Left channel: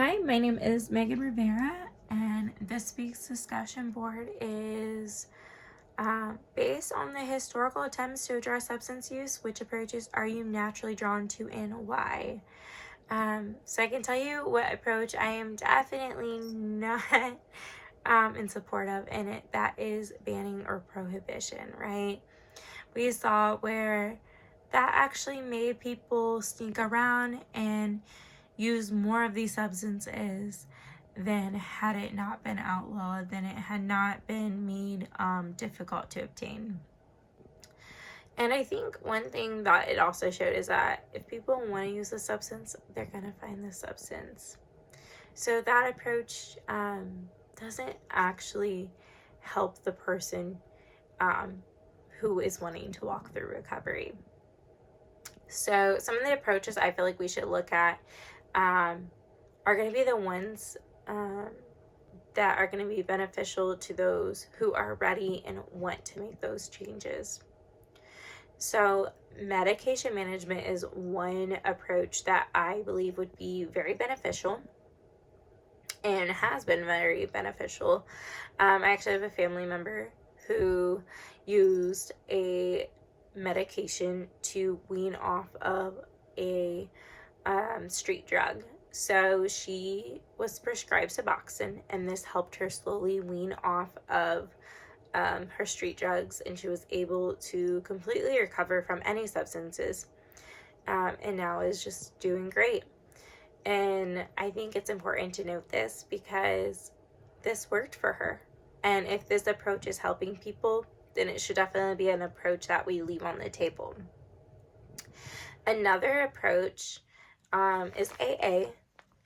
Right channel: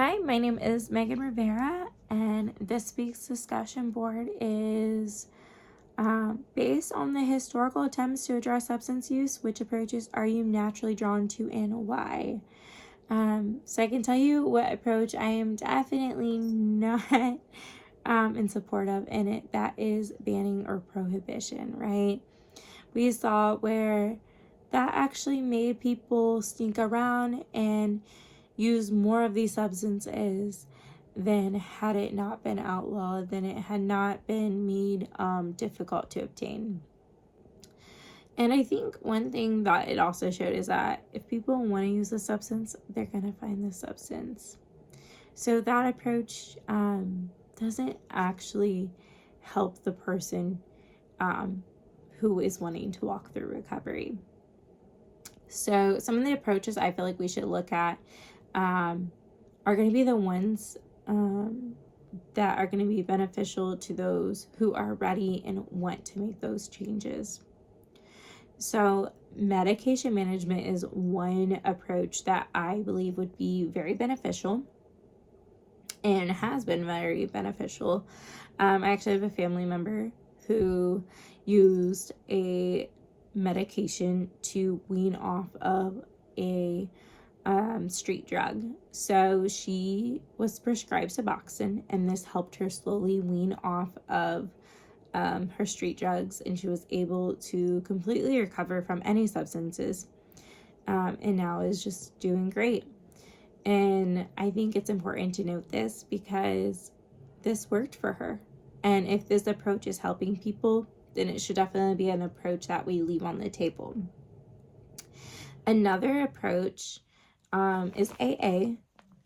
Hi, my name is Megan Rivera, and this week's discussion board is based on the historical attempts to address substance use. Which approaches are you naturally drawn to and why? So I can tell you what approach I am definitely not in support of, and that is banning or prohibition, right? We saw where that actually made people sneak around and use more of these substances than had it not been outlawed, than it had not been made difficult to obtain. And I think one thing that it also showed is that if people want to use a substance, they're going to find the substance. So that approach doesn't actually help the person who is wanting to walk through recovery. So some of the approaches I feel like we should look at are going to be the ones that are going to be beneficial to those who are ready and want to make those changes. So medication management is one approach that I believe would be very beneficial and has been very beneficial. I actually have a family member who used a medication to wean off of a street drug. So she was prescribed Suboxone, and this helped her slowly wean off of her street drugs, and she was able to completely recover from any substances, and now is just doing great. And I think it's important to note this because this worked for her. And if this approach is helping people, then it should definitely be an approach that we leave on the table. Another approach is AA.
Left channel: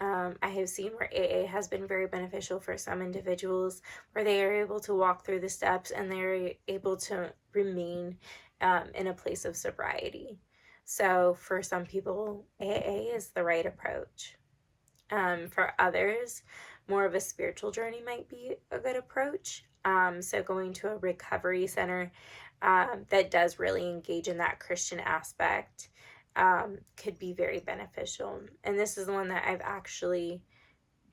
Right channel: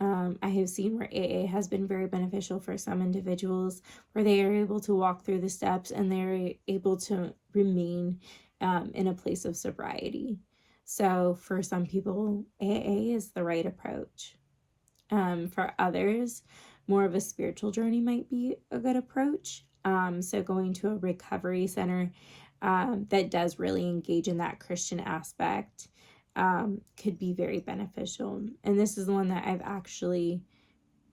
I have seen where AA has been very beneficial for some individuals, where they are able to walk through the steps and they're able to remain in a place of sobriety. So for some people, AA is the right approach. For others, more of a spiritual journey might be a good approach. So going to a recovery center that does really engage in that Christian aspect could be very beneficial. And this is the one that I've actually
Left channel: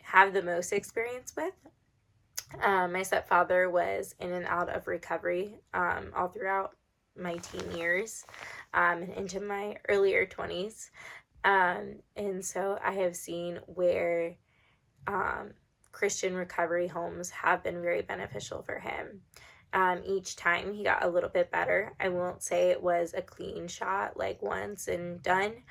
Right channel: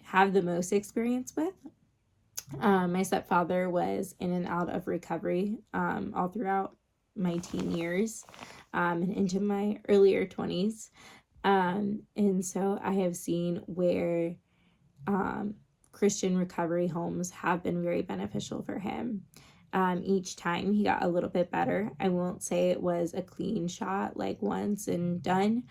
had the most experience with. My stepfather was in and out of recovery all throughout my teen years and into my earlier 20s. And so I have seen where Christian recovery homes have been very beneficial for him. Each time he got a little bit better. I won't say it was a clean shot, like once and done.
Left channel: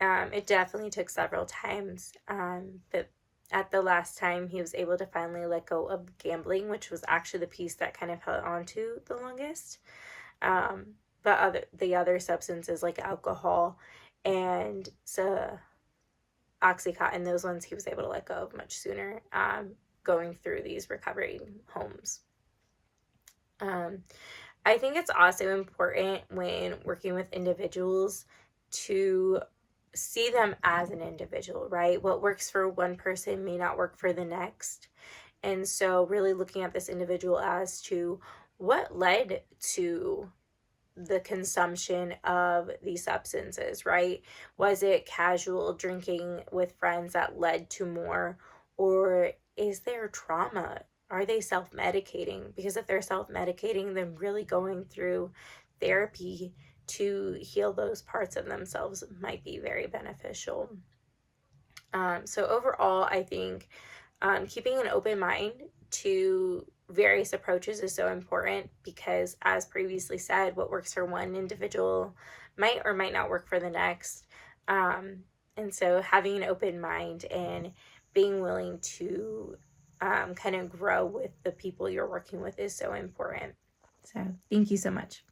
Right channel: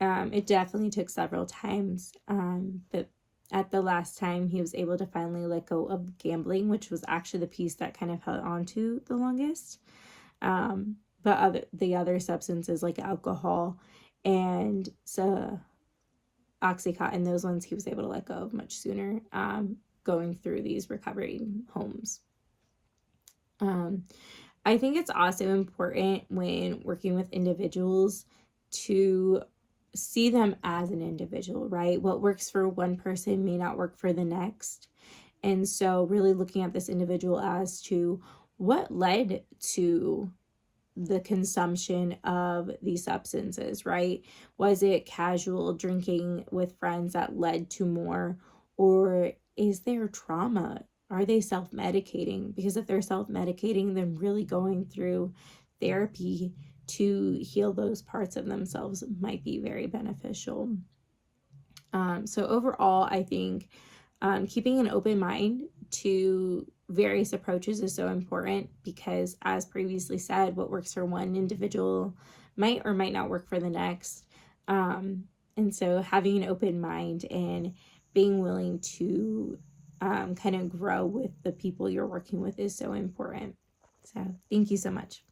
It definitely took several times. But at the last time, he was able to finally let go of gambling, which was actually the piece that kind of held on to the longest. But the other substances like alcohol and Oxycontin, those ones he was able to let go of much sooner, going through these recovery homes. I think it's also important when working with individuals to see them as an individual, right? What works for one person may not work for the next. And so really looking at this individual as to what led to the consumption of these substances, right? Was it casual drinking with friends that led to more, or is there trauma? Are they self-medicating? Because if they're self-medicating, then really going through therapy to heal those parts of themselves might be very beneficial. So overall, I think keeping an open mind to various approaches is so important because, as previously said, what works for one individual might or might not work for the next. And so having an open mind and being willing to kind of grow with the people you're working with is so important. So thank you so much.